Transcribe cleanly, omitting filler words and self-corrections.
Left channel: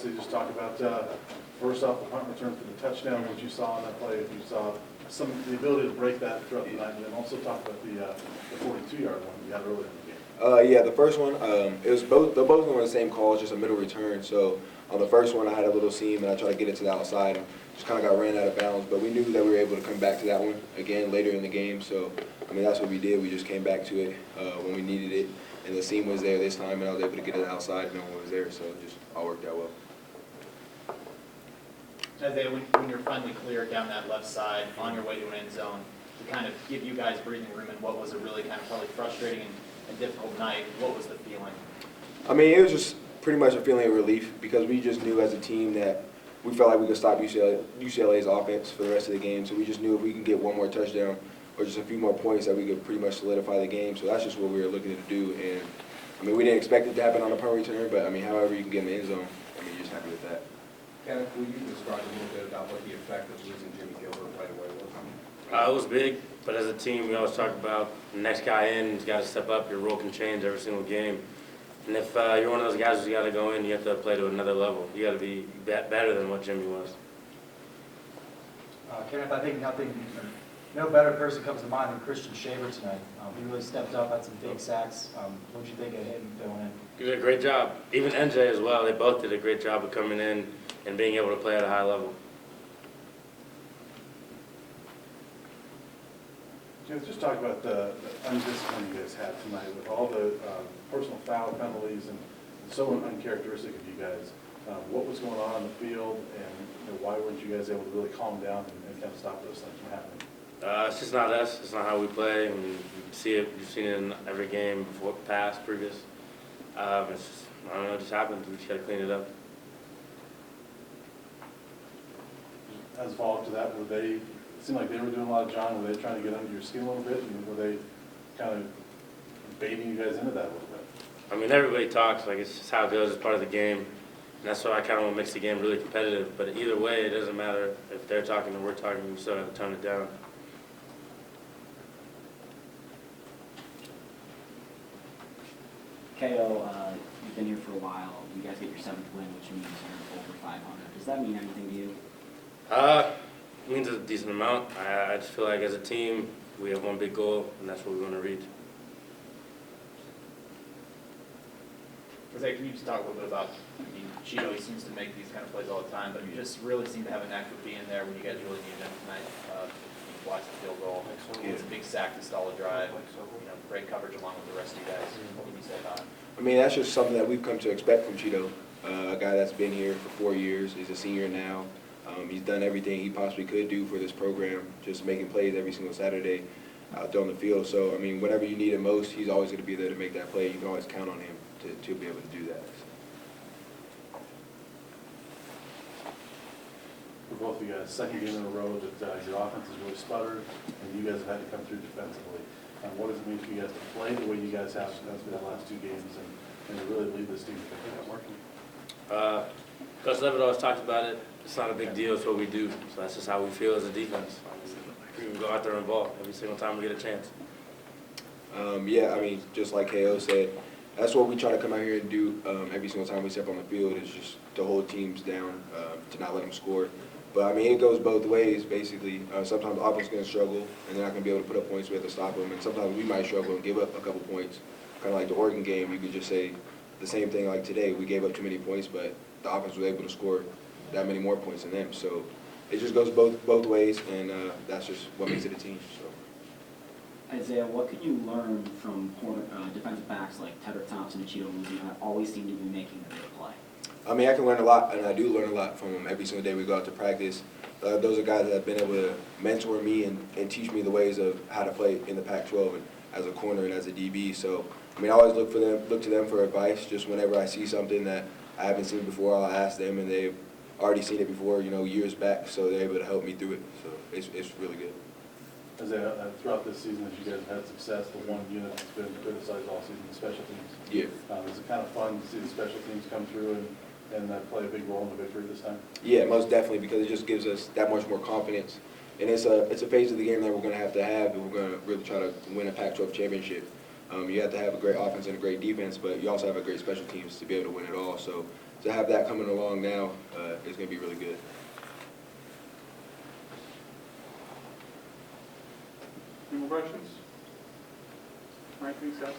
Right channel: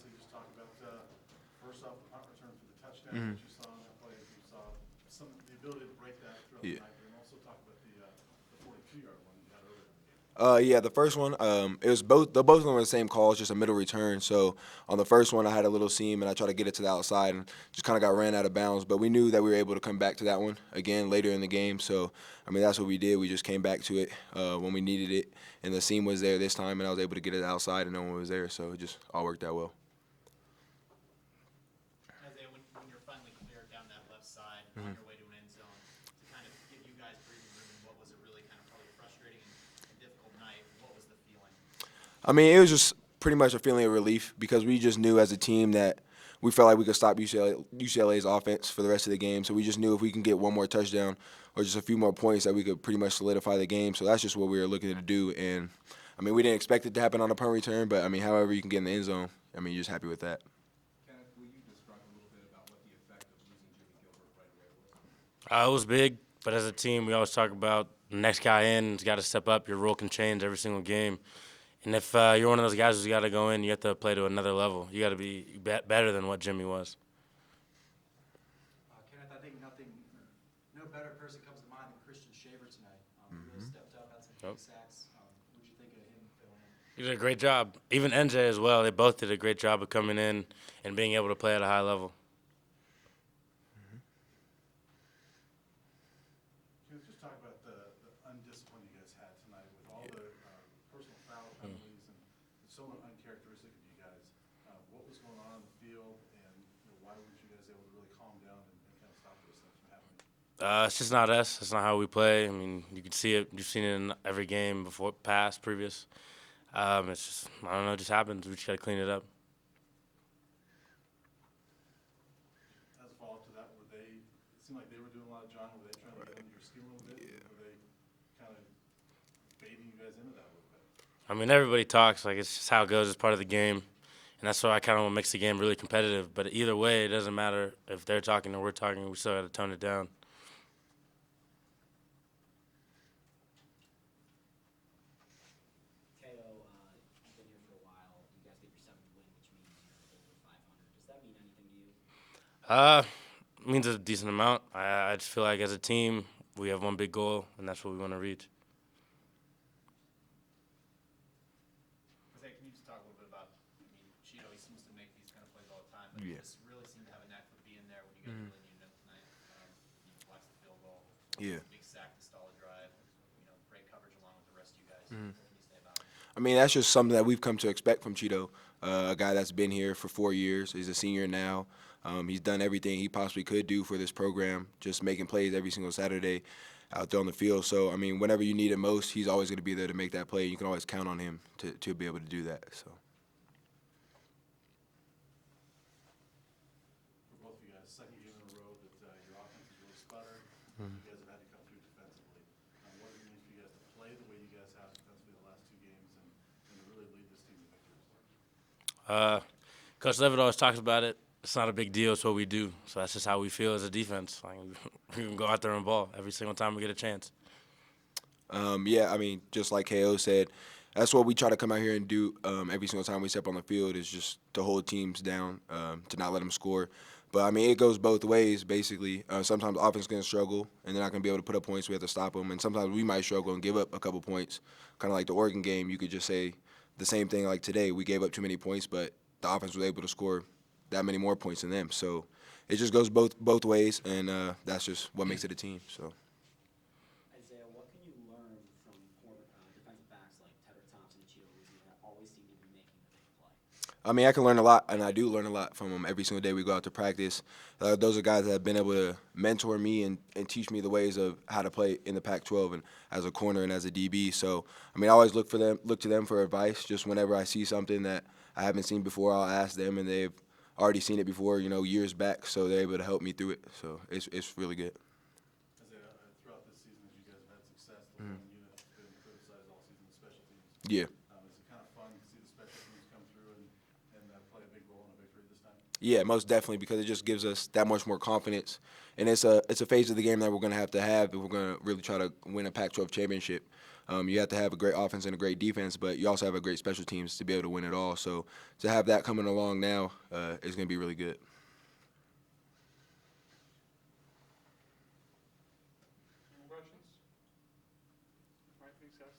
obviously just talk about, first off, the punt return for the touchdown, what you saw on that play, if you saw the ability to break that throughout the night, and then also talk about the 42-yard one you had earlier in the game. Yeah, the first one, it was both on the same call, it's just a middle return. So on the first one, I had a little seam, and I tried to get it to the outside, and just kind of got ran out of bounds. But we knew that we were able to come back to that one again later in the game. So, I mean, that's what we did. We just came back to it when we needed it, and the seam was there this time, and I was able to get it outside, and no one was there. So it just all worked out well. Isaiah, when you're finally clear down that left side on your way to an end zone, to kind of give you guys breathing room in what was a really kind of probably frustrating and difficult night, what was the feeling? I mean, it was just pretty much a feeling of relief because we just knew as a team that we felt like we could stop UCLA's offense for the rest of the game. So we just knew if we can get one more touchdown or just a few more points that we could pretty much solidify the game. So that's just what we were looking to do. And, I mean, we didn't expect it to happen on a punt return, but, I mean, however you can get in the end zone, I mean, you're just happy with that. Kenneth, will you describe a little bit about what the effect of losing Jimmy Gilbert right away was? It was big, but as a team, we always talk about the next guy in has got to step up. Your role can change every single game. And if you're one of those guys who's got to go in, you have to play to another level. You got to be better than what Jimmy was. Kenneth, I think no better person comes to mind than Christian Shaver tonight. He really stepped up, had some big sacks. What did you think of him going in? He did a great job. Even NJ as well. They both did a great job of coming in and being able to play at a high level. Just talk about the undiscipline you guys had tonight with all the personal foul penalties and so uncharacteristic of you guys. What was going on in the field, and why weren't you guys able to really calm down and kind of stop those things from happening? It's just not us. It's not how we play. I mean, you can see it. You've seen it in every game before, past, previous. It's just, I don't know, it just happens. We just got to clean it up. As a follow-up to that, it seemed like they were doing a lot of John. Were they trying to get under your skin a little bit? Were they kind of baiting you guys into that a little bit? I mean, everybody talks. Like, it's just how it goes. It's part of the game. And that's why I kind of want to mix the game really competitive. But either way, it doesn't matter if they're talking or we're talking. We still have to tone it down. KO, you've been here for a while. You guys get your 7th win, which means you're over 500. Does that mean anything to you? It means a decent amount. I just feel like as a team, we have one big goal, and that's what we want to reach. Jose, can you just talk a little bit about, I mean, Cheeto, he seems to make these kind of plays all the time, but you just really seem to have a knack for being there when you guys really needed him tonight. You watched the field goal. Yeah. It's a big sack to stall a drive. Great coverage along with the rest of you guys. What can you say about it? I mean, that's just something that we've come to expect from Cheeto, a guy that's been here for 4 years. He's a senior now. He's done everything he possibly could do for this program, just making plays every single Saturday out there on the field. So, I mean, whenever you need him most, he's always going to be there to make that play. You can always count on him to be able to do that. So. For both of you guys, second game in a row that your offense has really sputtered, and you guys have had to come through defensively. What does it mean for you guys to play the way you guys have for the last 2 games and to really lead this team to pick it up working? Coach Levitt always talks about it. It's not a big deal. It's what we do. So that's just how we feel as a defense. We can go out there and ball every single time we get a chance. Yeah, I mean, just like KO said, that's what we try to come out here and do every single time we step on the field is just to hold teams down, to not let them score. But, I mean, it goes both ways, basically. Sometimes offense is going to struggle, and they're not going to be able to put up points. We have to stop them. And sometimes we might struggle and give up a couple points. Kind of like the Oregon game, you could just say the same thing like today. We gave up too many points, but the offense was able to score that many more points than them. So it just goes both ways, and that's just what makes it a team. So. Isaiah, what can you learn from defensive backs like Tedrick Thompson and Cheeto Muzi that always seem to be making a big play? I mean, I can learn a lot, and I do learn a lot from them every single day we go out to practice. Those are guys that have been able to mentor me and teach me the ways of how to play in the Pac-12 and as a corner and as a DB. So, I mean, I always look to them for advice. Just whenever I see something that I haven't seen before, I'll ask them, and they've already seen it before, years back. So they're able to help me through it. So it's really good. Isaiah, throughout this season, as you guys have had success, the one unit that's been criticized all season, the special teams. Yeah. Is it kind of fun to see the special teams come through and play a big role in the victory this time? Yeah, most definitely, because it just gives us that much more confidence. And it's a phase of the game that we're going to have if we're going to really try to win a Pac-12 championship. You have to have a great offense and a great defense, but you also have a great special teams to be able to win it all. So to have that coming along now is going to be really good. Any more questions? All right, thanks, guys.